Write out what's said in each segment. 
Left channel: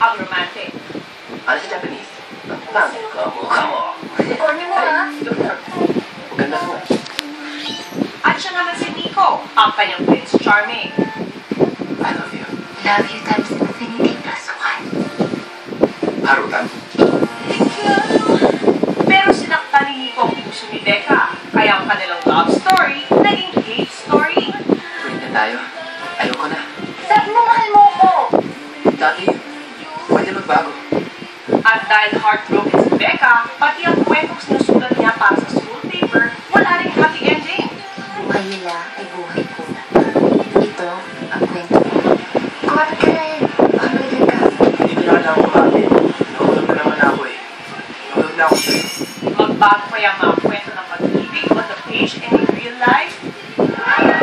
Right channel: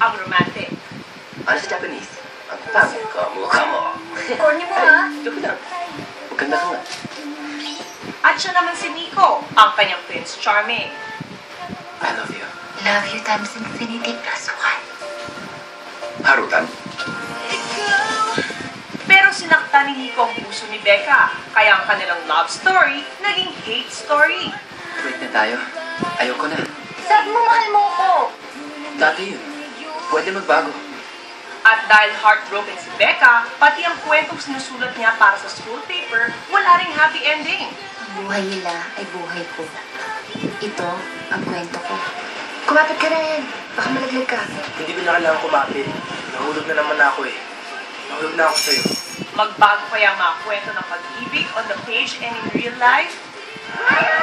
ang romantic. Ano sa Japanese? Ang pangit ko, mukha mo. Corny mo ha? Joke lang. Maganda ka nga. At siya naman si Nico, ang kanyang Prince Charming. I love you. Love you times infinity plus one. Harutan? Pero sinaktan ni Nico ang puso ni Becca, kaya ang kanilang love story naging hate story. Break na tayo. Ayoko na. Sabi mo mahal mo ko. Dati yun. Pwede magbago. At dahil heartbroken si Becca, pati ang kwentong sinusulat niya para sa school paper, wala ring happy ending. Buhay nila ay buhay ko. Ito ang kwento ko. Kumapit ka na rin. Baka malaglag ka. Hindi mo na kailangan kumapit. Nahulog mo naman ako eh. Nahulog na ako sa'yo. Magbago kaya ang mga kwento ng pag-ibig on the page and in real life? Raya!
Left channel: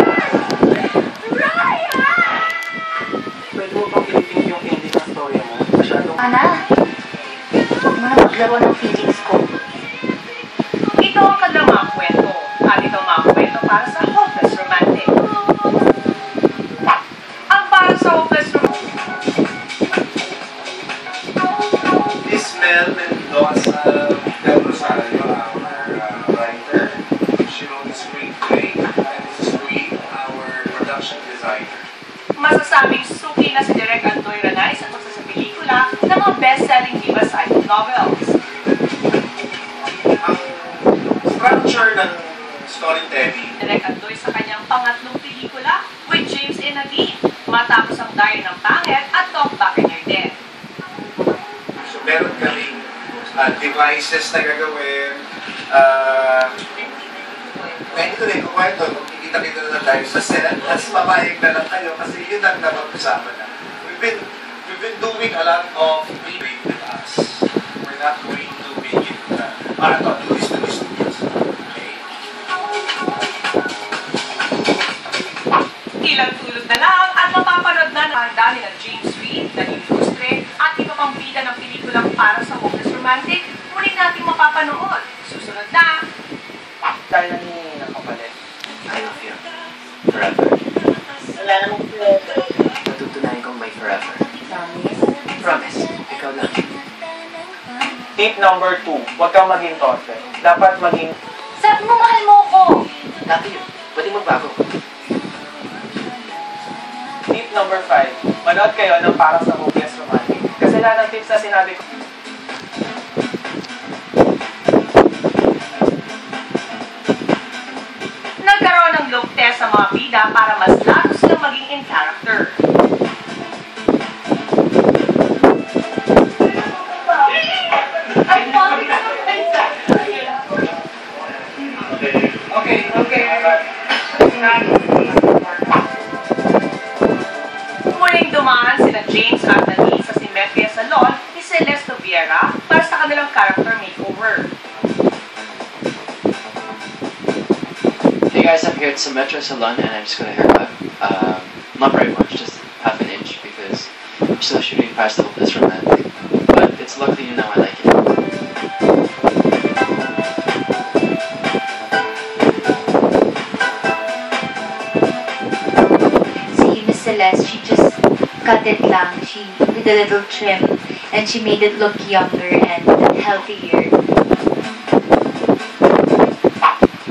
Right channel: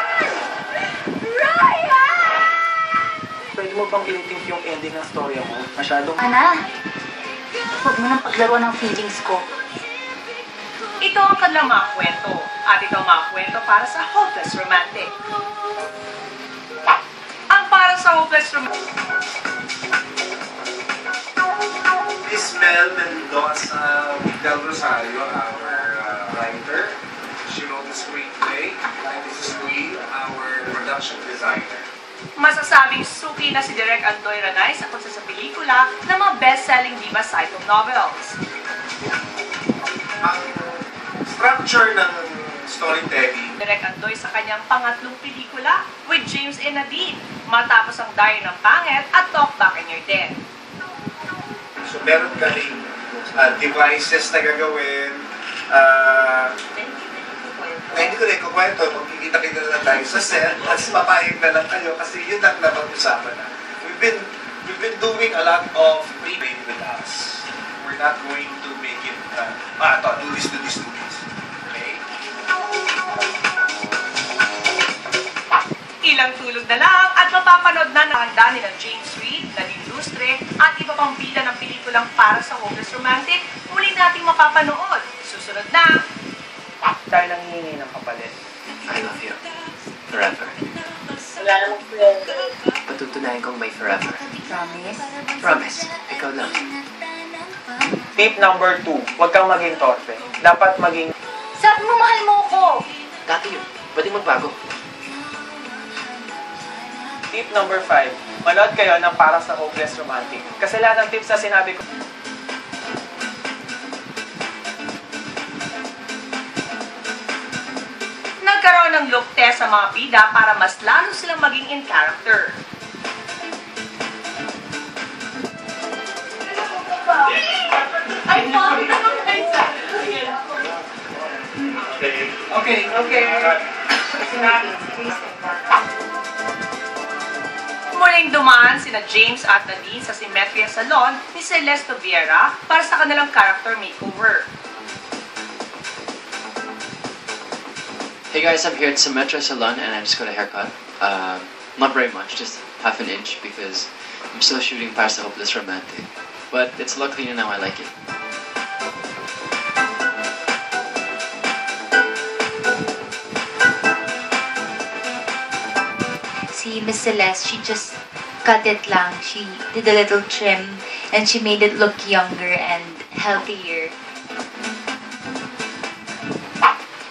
Pwede mo pang pinipink yung ending ng story mo? Masyadong... Ana, huwag mo na maglaro ng feelings ko. Ito ang kanilang mga kwento, at ito ang mga kwento para sa Hopeless Romantic. Ang para sa Hopeless Romantic, Miss Mel Mendoza Del Rosario, our writer. She wrote the screenplay, and Mrs. Queen, our production designer. masasabing suki na si Direk Antoy Ranay sa pagsasapelikula ng mga best-selling Viva Cycle novels. Ang structure ng storytelling, Direk Antoy sa kanyang pangatlong pelikula with James and Nadine, matapos ang Diary ng Pangit at Talk Back in Your Death. so meron kaming devices na gagawin, na hindi ko rin kukwento kung kita-kita na lang tayo sa set, at papayag na lang kayo kasi yun ang napag-usapan na. We've been doing a lot of pre-made with us. We're not going to make it, do this. Okay? Ilang tulog na lang at mapapanood na ng dami ng James Reid, Nadine Lustre at iba pang bida ng pelikulang para sa Hopeless Romantic, muling nating mapapanood. Susunod na! Dahil nangihingi ng kapalit. I love you. Forever. Wala namang forever. Matutunayan kong may forever. Promise? Promise. Ikaw lang. Tip number 2, huwag kang maging torpe. Dapat maging... Sabi mo mahal mo ko. Dati yun. Pwede magbago. Tip number 5, manood kayo ng para sa Hopeless Romantic. Kasi lahat ng tips na sinabi ko... Nagkaroon ng look test sa mga bida para mas lalo silang maging in character. Okay. Muling dumaan sina James at Nadine sa Simetria Salon ni Celeste Vieira para sa kanilang character makeover. Hey guys, I'm here at Symmetra Salon and I just got a haircut. Not very much, just half an inch because I'm still shooting Paris the Hopeless Romantic. But it's luckily now I like it. Si Miss Celeste, she just cut it lang. She did a little trim and she made it look younger and healthier.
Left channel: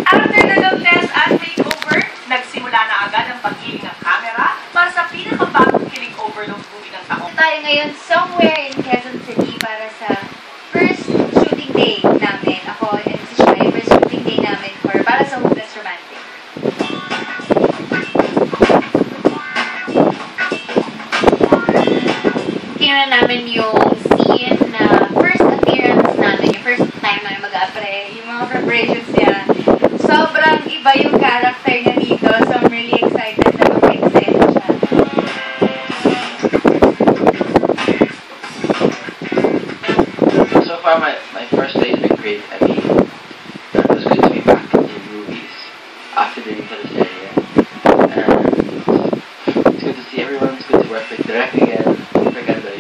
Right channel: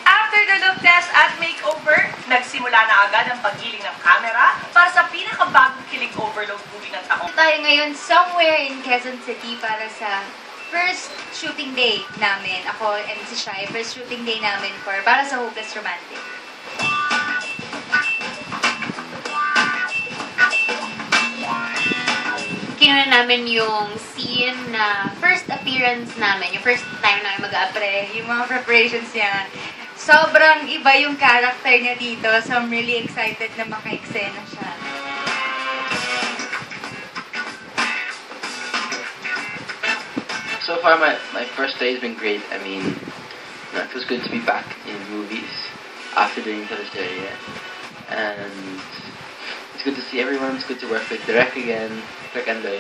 After the look test at makeover, nagsimula na agad ang paggiling ng camera para sa pinakabagong kilig overload movie ng taong. Tayo ngayon somewhere in Quezon City para sa first shooting day namin. Ako and si Shai, first shooting day namin para sa Hopeless Romantic. Kinuha namin yung scene na first appearance namin, yung first time namin mag-apre, yung mga preparations niya. Sobrang iba yung character niya dito, so I'm really excited na maka-extend siya. So far my first day has been great. I mean, it was good to be back in movies after doing teleserye. And it's good to see everyone, it's good to work with Direk again, Direk Andoy.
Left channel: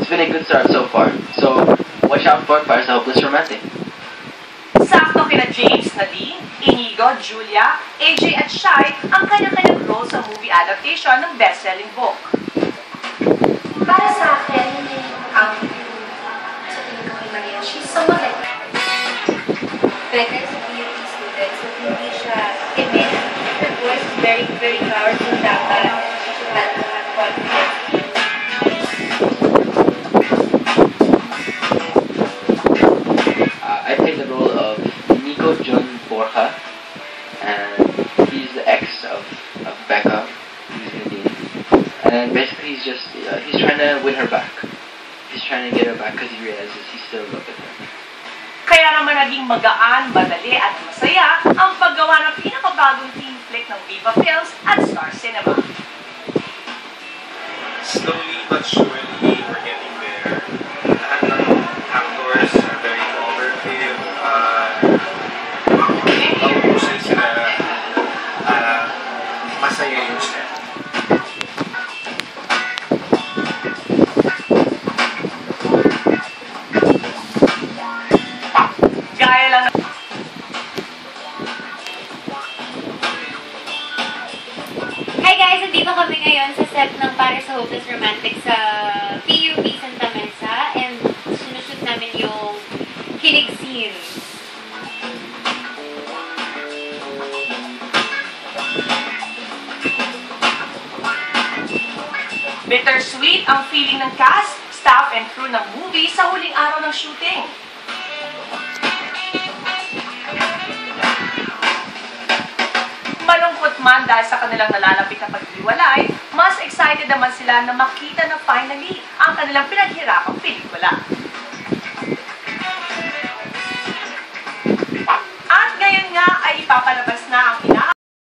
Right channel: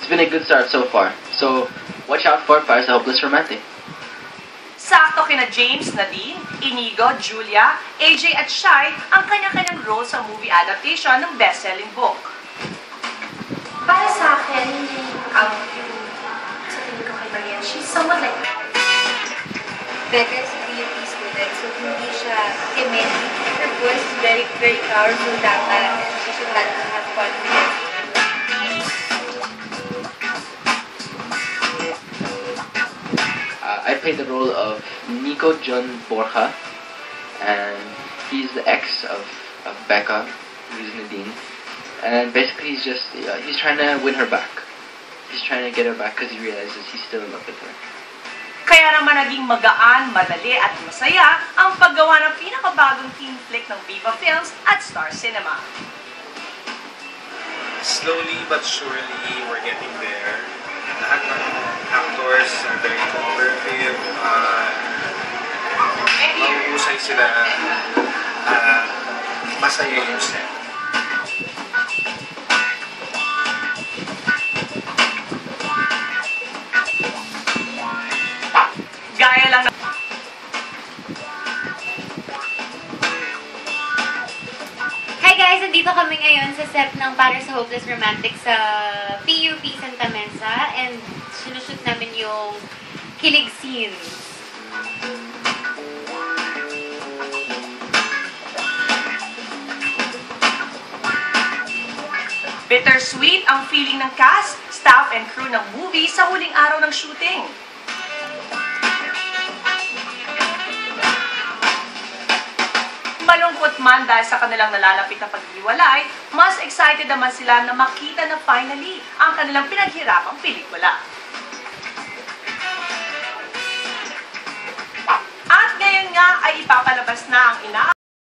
It's been a good start so far. So watch out for Paris the Hopeless Romantic. Sakto kina James, Nadine, Inigo, Julia, AJ at Shai ang kanya-kanyang role sa movie adaptation ng best-selling book. Para sa akin, sa tingin ko kay Maria, she's somewhat like Becca is a PUP student, so hindi siya timid. Her voice is very, very powerful dapat. She should have quality. I play the role of Nico John Borja, and he's the ex of Becca, who's Nadine. And basically he's trying to win her back. He's trying to get her back because he realizes he's still in love with her. Kaya naman naging magaan, madali at masaya ang paggawa ng pinakabagong teen flick ng Viva Films at Star Cinema. Slowly but surely, we're getting there. Lahat ng actors are very cooperative. Mahusay sila. Masaya yung set. Gaya lang ng Hi guys! Nandito kami ngayon sa set ng Para sa Hopeless Romantic sa PUP Santa Mesa and sinushoot namin yung kilig scenes. bittersweet ang feeling ng cast, staff and crew ng movie sa huling araw ng shooting. Malungkot man dahil sa kanilang nalalapit na paghiwalay, mas excited naman sila na makita na finally ang kanilang pinaghirapang pelikula. At ngayon nga ay ipapalabas na ang